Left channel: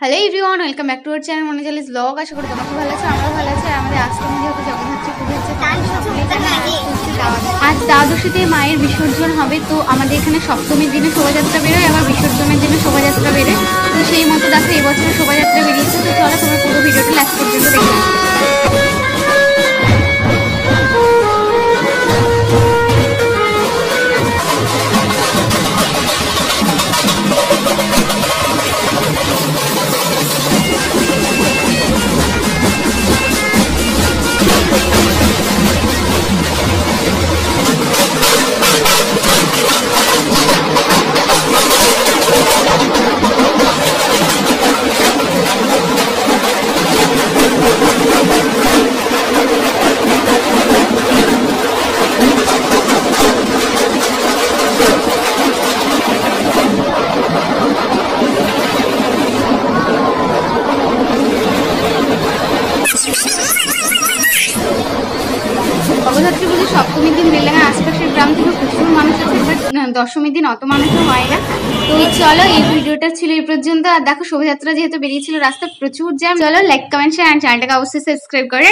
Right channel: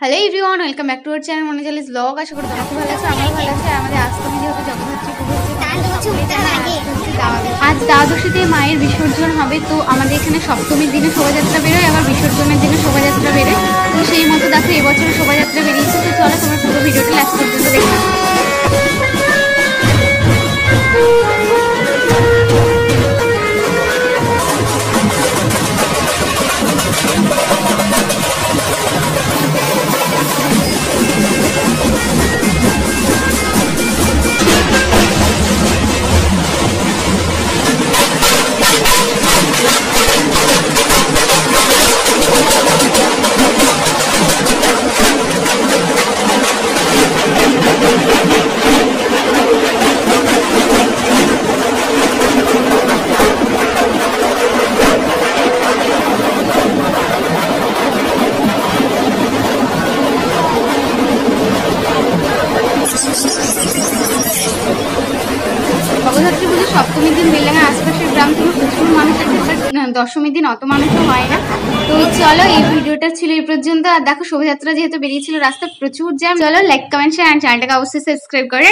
Hello everyone, welcome back to our channel Manojali's blog. আশা করি তোমরা খুব ভালো আছো, আমরা ভালো আছি। আর আমাদের আজকে যেহেতু জগদ্ধাত্রী পুজো হচ্ছে, তোমাদের সকলেই জানো আজ হচ্ছে আজ দ্বাদশীতে মায়ের বিসর্জন হবে। তো আমাদের এখানে সপ্তমীর দিনে শোভাযাত্রা বেরোয়, আবার বিসর্জনের দিনে শোভাযাত্রা বেরোয়। তো সেই মতো দেখো এবছর শোভাযাত্রা বেরিয়েছে। তো চলো তোমরা পুরো ভিডিওটি লাস্ট পর্যন্ত দেখে নাও। জগদ্ধাত্রী পুজোর সপ্তমীর দিন বেলডাঙ্গার আশপাশের গ্রাম থেকে প্রচুর মানুষ আছে, বাট দশমীর দিন অত মানুষও হয় না। তো চলো এই ভিডিওটা ছিল এই পর্যন্ত। আর দেখো শোভাযাত্রা যেহেতু বেরিয়েছিল, রাস্তায় প্রচুর জ্যাম। চলো লাইক কমেন্ট শেয়ার, চ্যানেলটাকে অবশ্যই সাবস্ক্রাইব করে।